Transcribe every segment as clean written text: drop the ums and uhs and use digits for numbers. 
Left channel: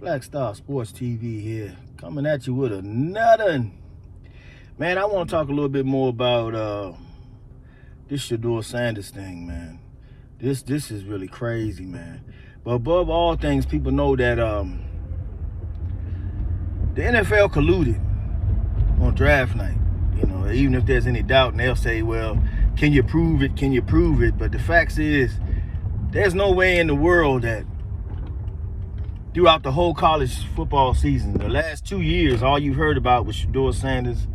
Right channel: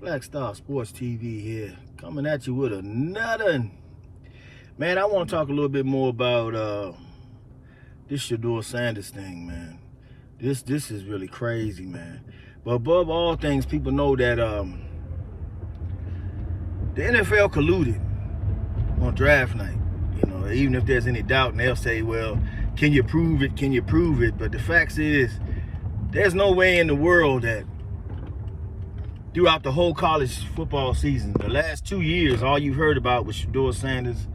Black Star Sports TV here, coming at you with another. Man, I want to talk a little bit more about this Shadeur Sanders thing, man. This is really crazy, man. But above all things, people know that the NFL colluded on draft night. You know, even if there's any doubt, and they'll say, well, can you prove it? Can you prove it? But the fact is, there's no way in the world that throughout the whole college football season, the last 2 years, all you've heard about was Shadeur Sanders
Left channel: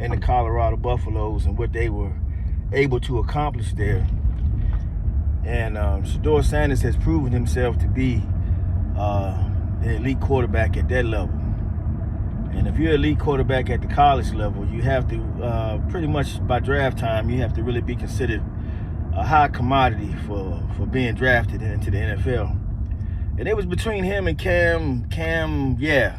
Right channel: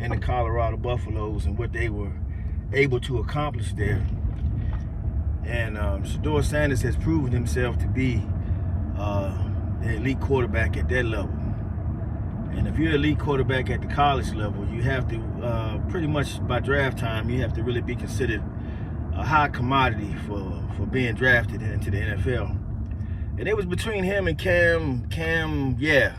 and the Colorado Buffaloes and what they were able to accomplish there. And Shadeur Sanders has proven himself to be the elite quarterback at that level. And if you're an elite quarterback at the college level, you have to, pretty much by draft time, you have to really be considered a high commodity for being drafted into the NFL. And it was between him and Cam, yeah,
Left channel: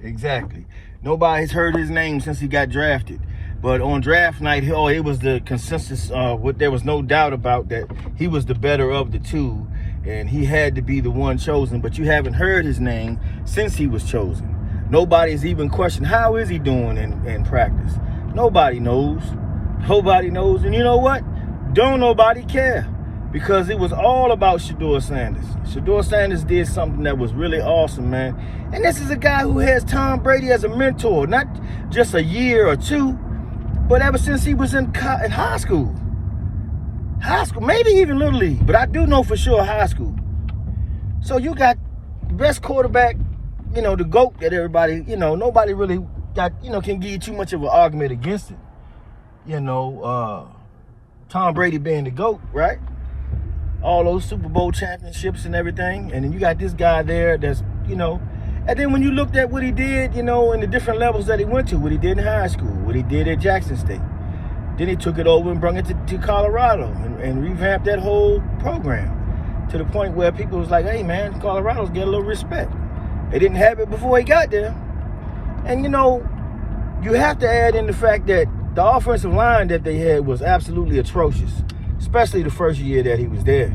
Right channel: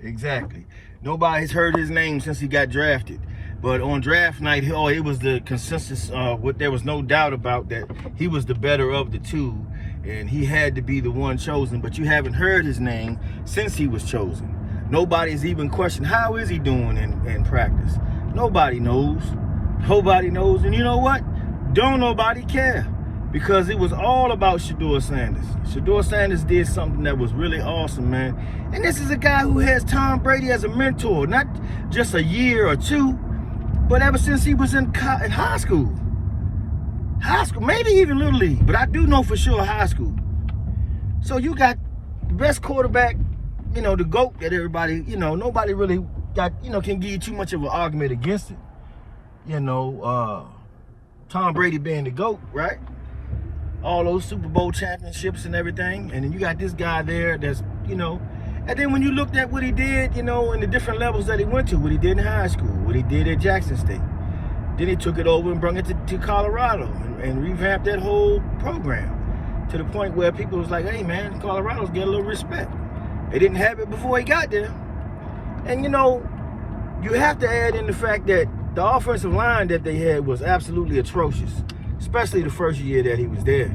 exactly. Nobody's heard his name since he got drafted. But on draft night, it was the consensus, there was no doubt about that he was the better of the two, and he had to be the one chosen. But you haven't heard his name since he was chosen. Nobody's even questioned, how is he doing in practice? Nobody knows. Nobody knows. And you know what? Don't nobody care. Because it was all about Shadeur Sanders. Shadeur Sanders did something that was really awesome, man. And this is a guy who has Tom Brady as a mentor, not just a year or two, but ever since he was in high school. High school, maybe even Little League, but I do know for sure high school. So you got the best quarterback, you know, the GOAT that everybody, you know, nobody really got, you know, can give you too much of an argument against it. You know, Tom Brady being the GOAT, right? All those Super Bowl championships and everything. And then you got this guy there that's, you know, and then when you looked at what he did, you know, in the different levels that he went to, what he did in high school, what he did at Jackson State, then he took it over and brought it to Colorado and revamped that whole program to the point where people was like, hey, man, Colorado's get a little respect. They didn't have it before he got there. And, you know, you have to add in the fact that the offensive line that they had was absolutely atrocious, especially the first year that he was there.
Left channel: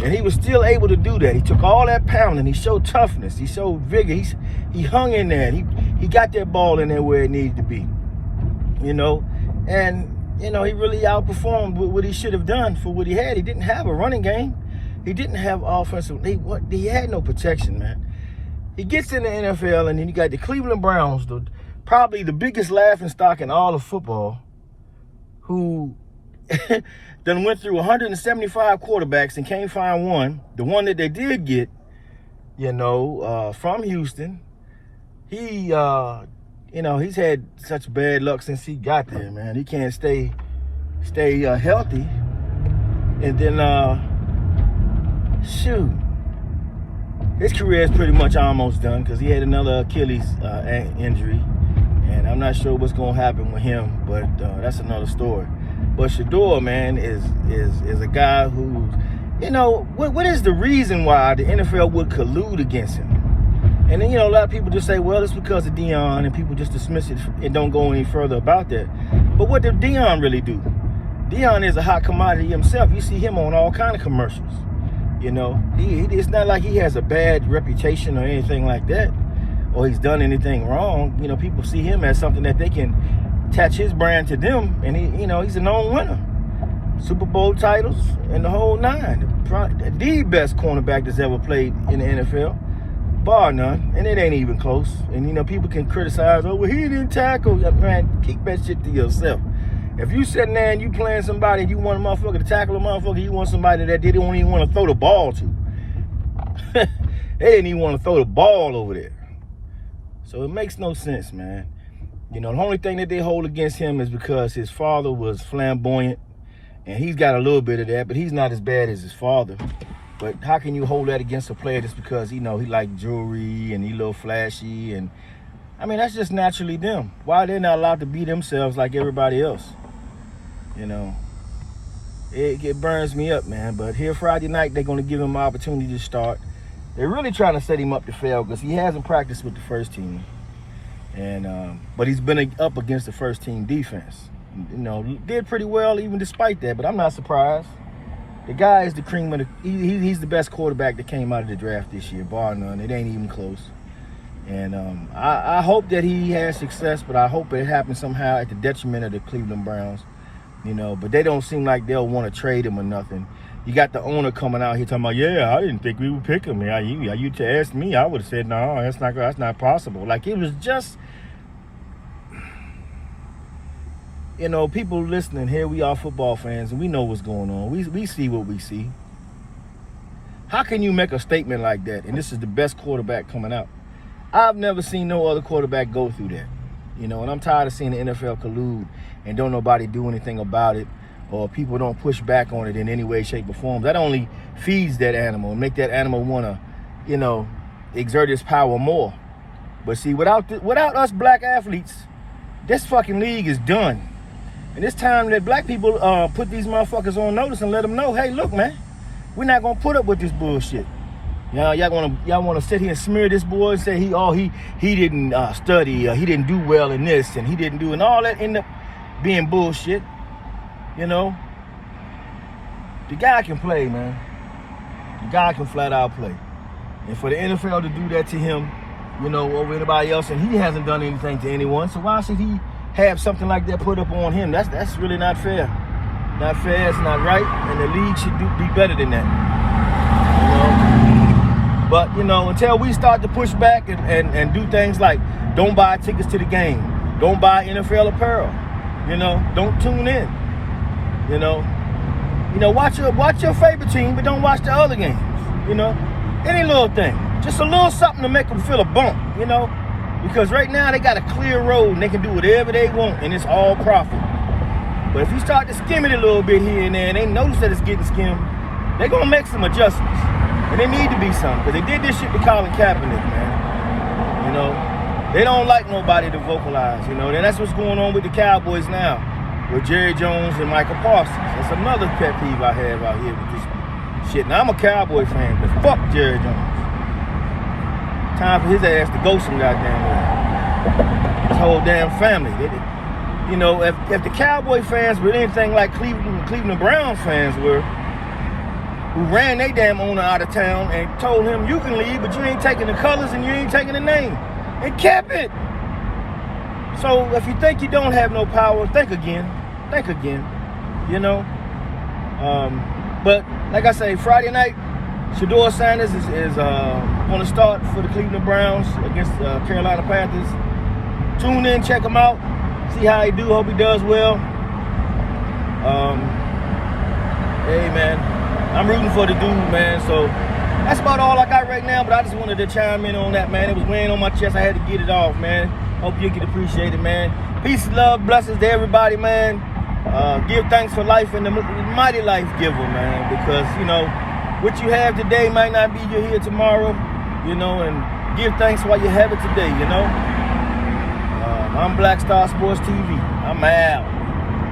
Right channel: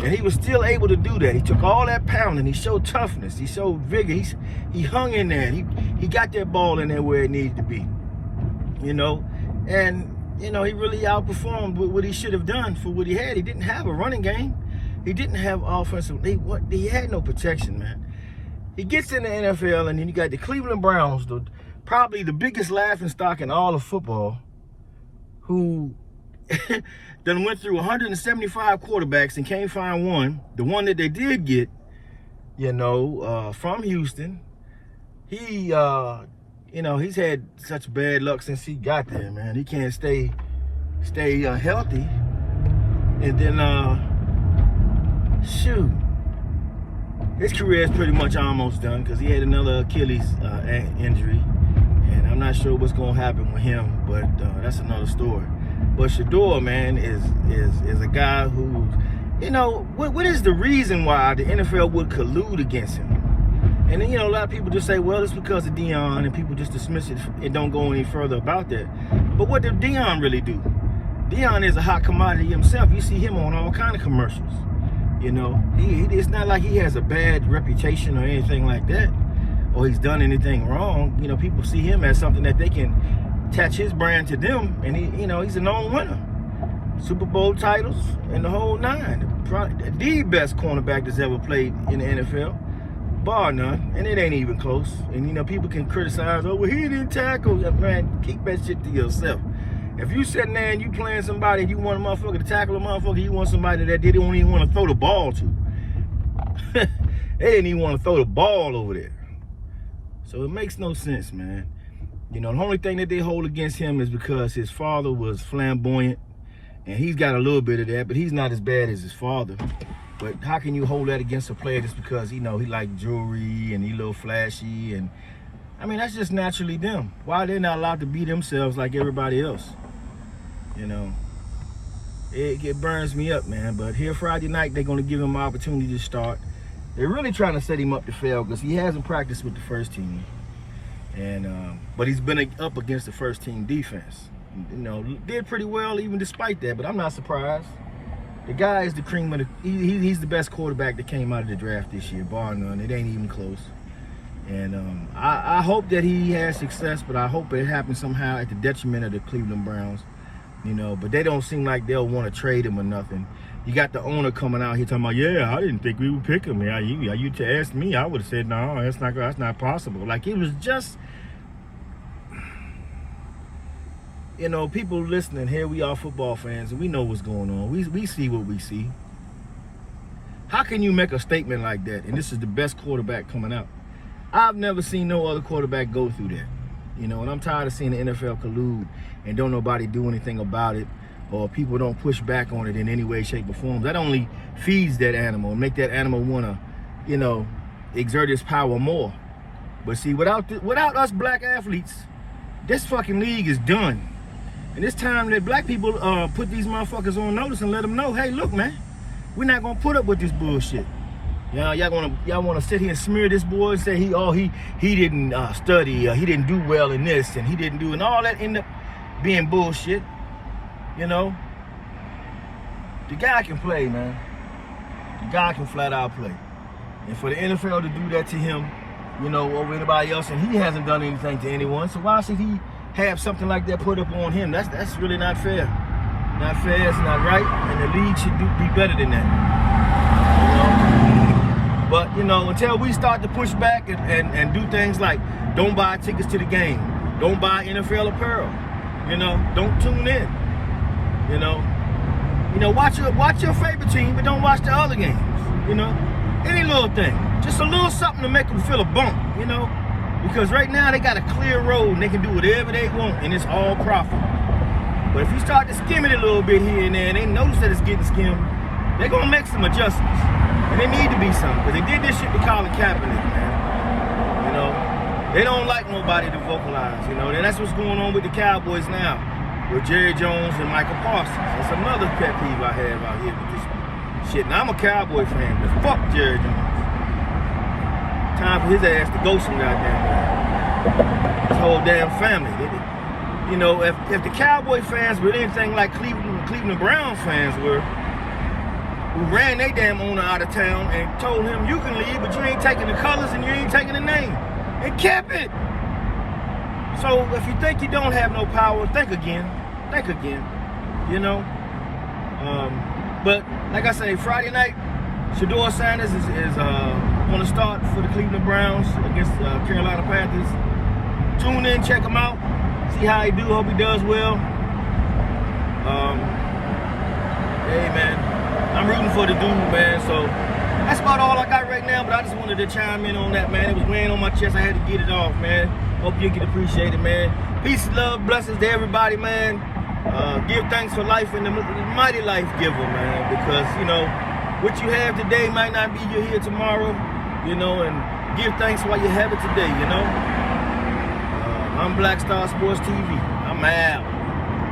And he was still able to do that. He took all that pounding. He showed toughness. He showed vigor. He hung in there. He got that ball in there where it needed to be. You know? And, you know, he really outperformed what he should have done for what he had. He didn't have a running game. He didn't have offensive. He had no protection, man. He gets in the NFL, and then you got the Cleveland Browns, probably the biggest laughingstock in all of football, who then went through 175 quarterbacks and can't find one. The one that they did get, you know, from Houston, he, you know, he's had such bad luck since he got there, man. He can't stay healthy. And then, shoot, his career is pretty much almost done because he had another Achilles injury. And I'm not sure what's going to happen with him, but that's another story. But Shadeur, man, is a guy who's, you know, what is the reason why the NFL would collude against him? And then, you know, a lot of people just say, well, it's because of Deion, and people just dismiss it and don't go any further about that. But what did Deion really do? Deion is a hot commodity himself. You see him on all kind of commercials. You know, it's not like he has a bad reputation or anything like that, or he's done anything wrong. You know, people see him as something that they can attach his brand to them, and he, you know, he's a known winner. Super Bowl titles and the whole nine. The best cornerback that's ever played in the NFL, bar none, and it ain't even close. And, you know, people can criticize, oh, well, he didn't tackle. Man, keep that shit to yourself. If you sitting there and you playing somebody, you want a motherfucker to tackle a motherfucker, you want somebody that they don't even want to throw the ball to. They didn't even want to throw the ball over there. So it makes no sense, man. You know, the only thing that they hold against him is because his father was flamboyant, and he's got a little bit of that, but he's not as bad as his father. But how can you hold that against a player just because, you know, he like jewelry and he a little flashy? And I mean, that's just naturally them. Why are they not allowed to be themselves like everybody else? You know, it burns me up, man. But here Friday night, they're going to give him an opportunity to start. They're really trying to set him up to fail because he hasn't practiced with the first team. And but he's been up against the first team defense. You know, he did pretty well even despite that, but I'm not surprised. The guy is the cream of the. He's the best quarterback that came out of the draft this year, bar none. It ain't even close. And I hope that he has success, but I hope it happens somehow at the detriment of the Cleveland Browns. You know, but they don't seem like they'll want to trade him or nothing. You got the owner coming out here talking about, yeah, I didn't think we would pick him. You to ask me, I would have said, no, that's not possible. Like, it was just, you know, people listening, here we are football fans, and we know what's going on. We see what we see. How can you make a statement like that, and this is the best quarterback coming out? I've never seen no other quarterback go through that. You know, and I'm tired of seeing the NFL collude and don't nobody do anything about it, or people don't push back on it in any way, shape, or form. That only feeds that animal and make that animal want to, you know, exert its power more. But see, without us black athletes, this fucking league is done. And it's time that black people put these motherfuckers on notice and let them know, hey, look, man, we're not gonna put up with this bullshit. You know, y'all wanna sit here and smear this boy and say he didn't study, he didn't do well in this, and he didn't do, and all that end up being bullshit. You know, the guy can play, man. The guy can flat out play. And for the NFL to do that to him, you know, over anybody else, and he hasn't done anything to anyone, so why should he have something like that put up on him? That's really not fair. Not fair, it's not right, and the league should be better than that. You know? But, you know, until we start to push back and do things like don't buy tickets to the game, don't buy NFL apparel, you know, don't tune in. You know, watch your favorite team, but don't watch the other games. You know, any little thing, just a little something to make them feel a bump. You know, because right now they got a clear road and they can do whatever they want, and it's all profit. But if you start to skim it a little bit here and there, and they notice that it's getting skimmed, they're gonna make some adjustments. And they need to be some, because they did this shit to Colin Kaepernick, man. You know, they don't like nobody to vocalize. You know, and that's what's going on with the Cowboys now. With Jerry Jones and Michael Parsons. That's another pet peeve I have out here with this shit. Now, I'm a Cowboy fan, but fuck Jerry Jones. Time for his ass to go some goddamn way. His whole damn family. You know, if the Cowboy fans were anything like Cleveland Browns fans were, who ran their damn owner out of town and told him, you can leave, but you ain't taking the colors and you ain't taking the name. And kept it. So if you think you don't have no power, think again. Think again, you know. But like I say, Friday night, Shadeur Sanders is going to start for the Cleveland Browns against Carolina Panthers. Tune in, check him out, see how he do. Hope he does well. Hey man, I'm rooting for the dude, man. So that's about all I got right now. But I just wanted to chime in on that, man. It was weighing on my chest. I had to get it off, man. Hope you can appreciate it, man. Peace, love, blessings to everybody, man. Give thanks for life and the mighty life giver, man. Because, you know, what you have today might not be here tomorrow, you know, and give thanks while you have it today, you know. I'm Black Star Sports TV. I'm out.